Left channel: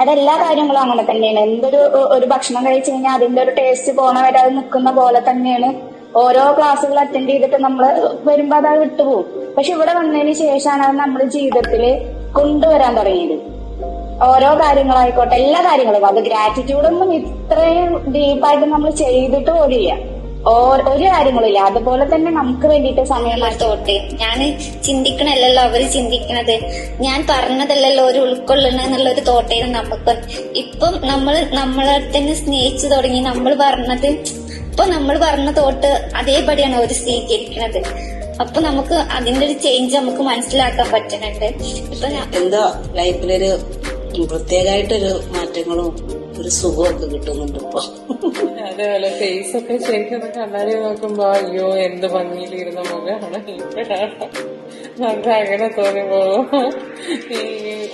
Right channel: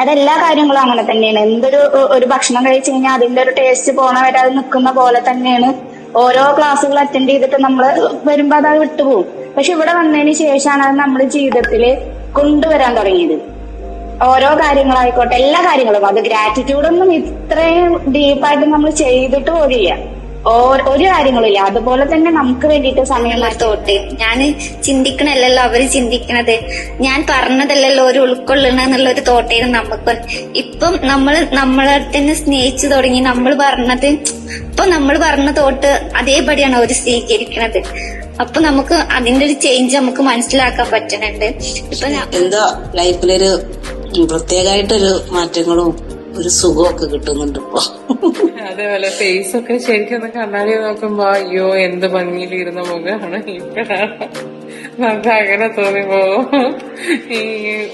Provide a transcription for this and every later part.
അതെല്ലാ കാര്യങ്ങളും അങ്ങനെ തന്നെയാണ്. ഒരു ഭക്ഷണം കഴിച്ചു കഴിഞ്ഞാൽ അതിന്റെ ഒരു ടേസ്റ്റ് പോണ വരെ അത് നിൽക്കുന്ന പോലെ തന്നെയാണ് ഓരോ ക്ലാസ്സുകൾ അറ്റൻഡ് ചെയ്തിട്ട് നമ്മൾ വരുമ്പോ അത് വിട്ടുപോകും. പക്ഷെ ഇവിടെ വന്നതിന് ശേഷമാണ് അത് നമ്മൾ ജീവിതത്തിൽ കൊണ്ടുവരാൻ തുടങ്ങിയത്. ഓരോ കാര്യങ്ങളായിക്കോട്ടെ, എല്ലാ കാര്യങ്ങളും. അത് ഗ്രാറ്റിറ്റ്യൂഡൊന്നും ഇത്രയും ഡീപ്പായിട്ട് നമ്മൾ ചെയ്തിട്ട് പോലില്ല, ഒരു കാര്യങ്ങളില്ല. അതുപോലെ തന്നെ നമുക്ക് വേണ്ടിയിട്ട് സമയം തോട്ടെ ഞാൻ ചിന്തിക്കണല്ലോ അവര് ചിന്തിക്കണത്, ഞാൻ പറഞ്ഞതല്ലല്ലോ ഒരു ഉൾക്കൊള്ളണെന്നുള്ള ഒരു തോട്ടേന്ന് നമുക്ക്. ഇപ്പം നമ്മളെ തന്നെ സ്നേഹിച്ചു തുടങ്ങി. നമ്മൾ പറഞ്ഞ തോട്ട് അതേപടിയാണ് അവര് സ്വീകരിക്കണത്. അപ്പൊ നമുക്ക് അതിന്റെ ഒരു ചേഞ്ച് നമുക്ക് മനസ്സിലാക്കാൻ പറ്റുന്നുണ്ട്. ഇപ്പൊ എന്താ ലൈഫിലൊരു പ്രത്യേകമായിട്ടൊരു മാറ്റങ്ങളും ഒരു സുഖമൊക്കെ കിട്ടുന്നുണ്ട് ഇപ്പൊ. അതേപോലെ ഫേസ് ഒക്കെ ശരിക്കും കണ്ണാടി നോക്കുമ്പോ അയ്യോ എന്ത് ഭംഗിയിലിരുന്ന മുഖമാണ്, ഇപ്പോഴാണ് നമുക്ക് അങ്ങനെ തോന്നിപ്പോവും. ഈ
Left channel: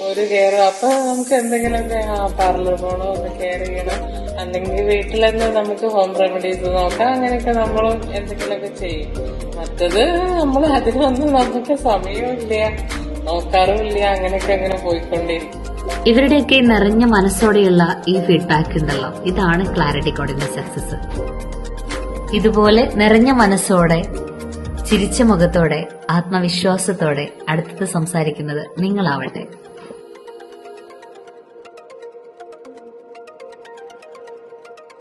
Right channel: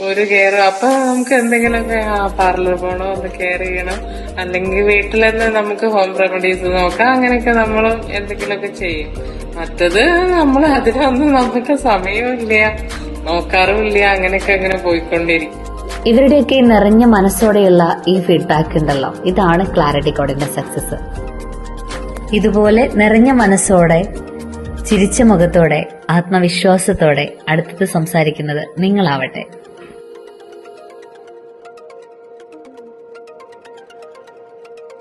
ഒരു കെയർ അപ്പൊ നമുക്ക് എന്തെങ്കിലുമൊക്കെ പാർലർ പോകണോ, ഒന്ന് കെയർ ചെയ്യണം, അല്ലെങ്കിൽ വീട്ടിൽ തന്നെ നമുക്ക് ഹോം റെമഡീസ് നോക്കാം. അങ്ങനെയൊക്കെ നമ്മൾ എന്തെങ്കിലുമൊക്കെ ചെയ്യും. മറ്റത് നമ്മൾ അതിനൊന്നും നമുക്ക് സമയമില്ല, നോക്കാറുമില്ല. അങ്ങനെയൊക്കെ അങ്ങനെ പോയിക്കൊണ്ടിരിക്കും. ഇവരുടെയൊക്കെ നിറഞ്ഞ മനസ്സോടെയുള്ള ഈ ഫീഡ്ബാക്ക് ഉണ്ടല്ലോ, ഇതാണ് ക്ലാരിറ്റി കോഡിന്റെ സക്സസ്. ഇതുപോലെ നിറഞ്ഞ മനസ്സോടെ, ചിരിച്ച മുഖത്തോടെ, ആത്മവിശ്വാസത്തോടെ അടുത്തത് സംസാരിക്കുന്നത് നിങ്ങളാവട്ടെ.